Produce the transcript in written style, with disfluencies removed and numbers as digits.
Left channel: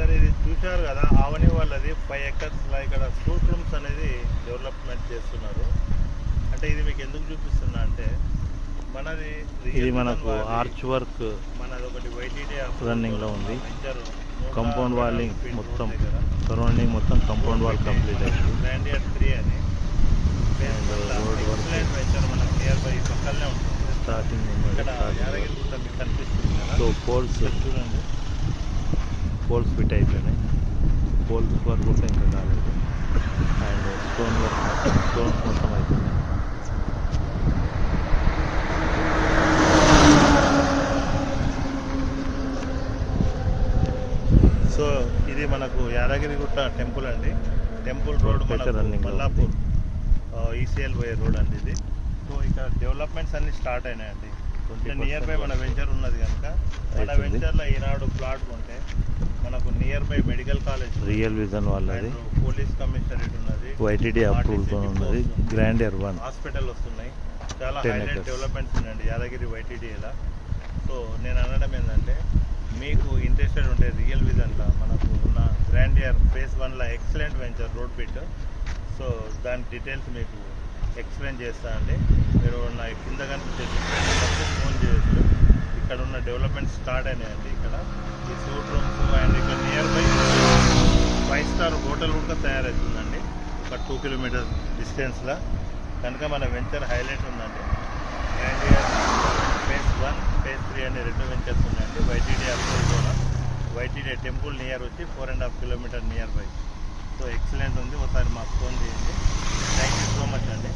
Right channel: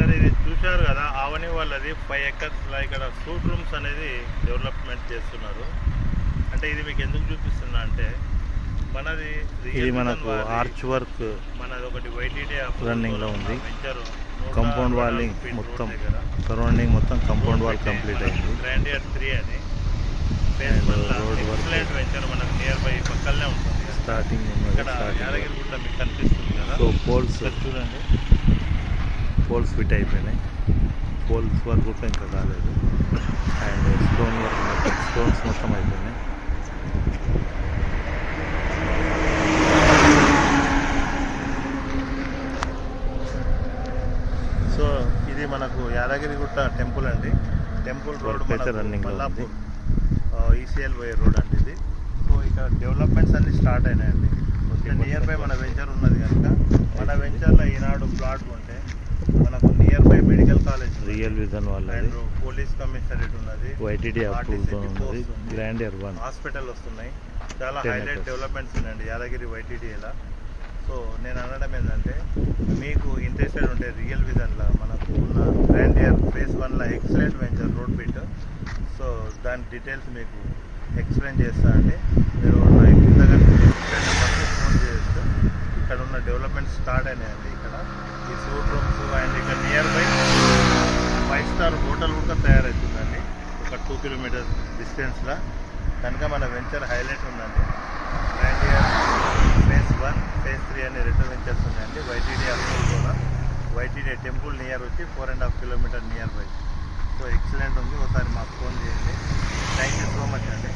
Sir ఇది చూశారు కదా, ఆవని వాళ్ళది 5 acres ఇక్కడ సూట్ రూమ్స్ అనేది డెవలప్మెంట్ చేస్తున్నారు. అంటే ఇది మీకు ఎందుకు చూపిస్తున్నా అంటే మనది ఇది మనకు ఆర్చ్ వర్క్ మనది ఒకటి వైటీడీ రన్నింగ్ లో ఉంది. కాంపౌండ్ వాలింగ్ మొత్తం సరౌండింగ్ మొత్తం కాంపౌండ్ వాల్ కంప్లీట్ అయింది. గ్రాండియర్ 3 అని రోడ్ వర్క్ వెంచర్ మనకు నియర్ బై పక్కనే ఉంటుంది. స్టార్టింగ్ ఇక్కడ యాదగిరిగుట్ట మీకు కనిపిస్తుంది కదా. సో పోల్స్ చూడండి, పోల్స్ ఫిట్ అయిపోయినాయి. పోల్స్ వర్క్ కూడా ఇంకా కాలేదు. అండ్ స్టోన్ వర్క్ మొత్తం స్టోన్స్ మొత్తం అయిపోయినాయి. సో ఇది మనకు యాదగిరిగుట్ట టెంపుల్ అండి. Temple road running Mallapur ECL పోయే రోడ్ అండి ఇది. సో ఇక్కడ డెవలప్మెంట్స్ అన్ని స్టార్ట్ అయినాయండి. నియర్ బై మన వెంచర్ ఉన్నది కనుక మన వెంచర్లో ఈనాడు ప్లాట్ ఉంటే మనకు near by medical college, real vision వాళ్ళది, పోలీస్ కమిషనరేట్ ఉన్నది, వైటీడీ అప్రూవల్ ఉన్నది, గ్రాండియర్ 1 హాస్పిటల్ వస్తున్నాయి. చాలా హైలైట్ డెవలప్మెంట్స్ ఉన్నాయండి యాదగిరి వైటీడీలా. సో నేను అనడం ఏంటంటే మీకు ఇంట్రెస్టెడ్ ఉంటే రియల్ విజన్లో మనకు ఉన్న గ్రాండియర్ ఫేజ్ 1లో excellent venture road bit. So దాని డీటెయిల్స్ మీకు ఎక్స్ప్లెయిన్ చేస్తానండి. మీరు నా కింద కానీ ఎక్స్ప్లెయిన్ నెంబర్కు ఫోన్ చేయొచ్చు. ఇక్కడ ఉన్న డెవలప్మెంట్ స్టార్ట్ అయినాయండి. ఇక్కడ ఈ సూట్ రూమ్స్ అండ్ ఇక్కడ నియర్ బై 5-star హోటల్ కూడా తయారవుతుందండి ఒక 2 kilometers డిస్టెన్స్లో. కనుక మన వెంచర్ హైలైట్ ఉందండి. గ్రాండియర్ ఫేజ్ 1, ఫేజ్ 3 అనే 2 వెంచర్స్ ఉన్నాయండి. వైటీడీ అప్రూవల్ కూడా, వైటీడీ టెంపుల్ నియర్ వచ్చి 4.5 kilometers near by. So excellent ఉంది. ఒకసారి మాకు ఫోన్ చేయండి. థ్యాంక్ యూ సో మచ్ అండి.